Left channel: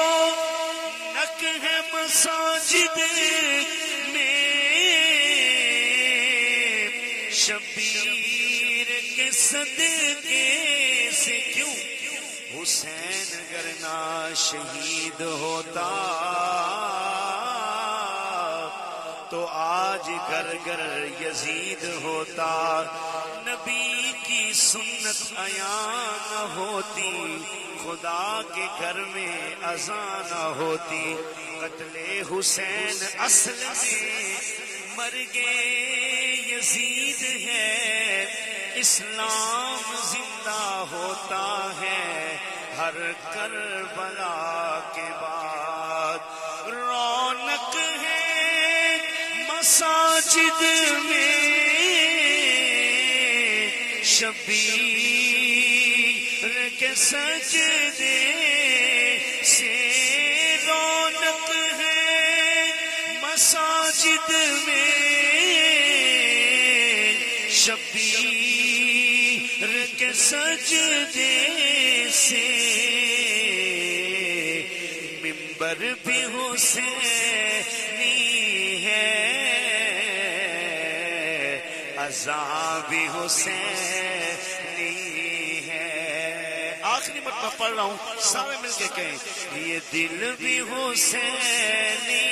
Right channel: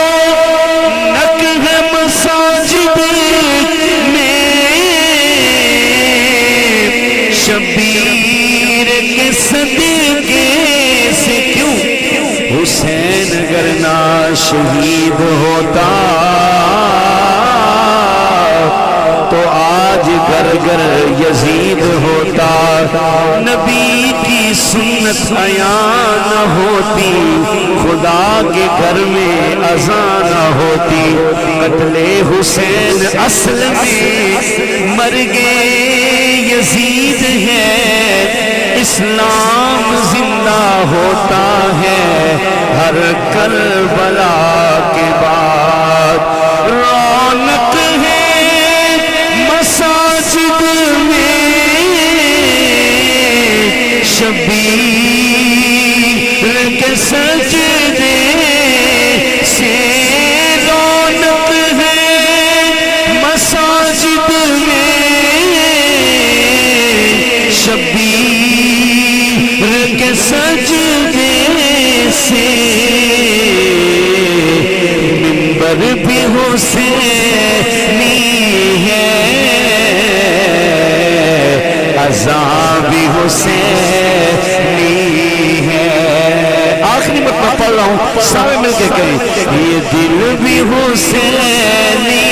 رونق ہے مساجد میں، شبیر کے صدقے سے کیوں حسین اگر نہ شہید ہوتا تو آج گھر گھر یزید ہوتا، نبی کی سنت عیاں نہ ہوتی، خدا کے گھر میں اذان نہ ہوتی، قتل حسین اصل میں مرگے یزید ہے، اسلام زندہ ہوتا ہے ہر کربلا کے بعد، رونق ہے مساجد میں، شبیر کے سجدے سے رونق ہے مساجد میں، شبیر کے سجدے سے منبر بھی حسینی ہے، اذان بھی حسینی ہے، آخری مرتبہ پڑھ رہا ہوں سارے مل کے کہیں، یہ دل بھی حسینی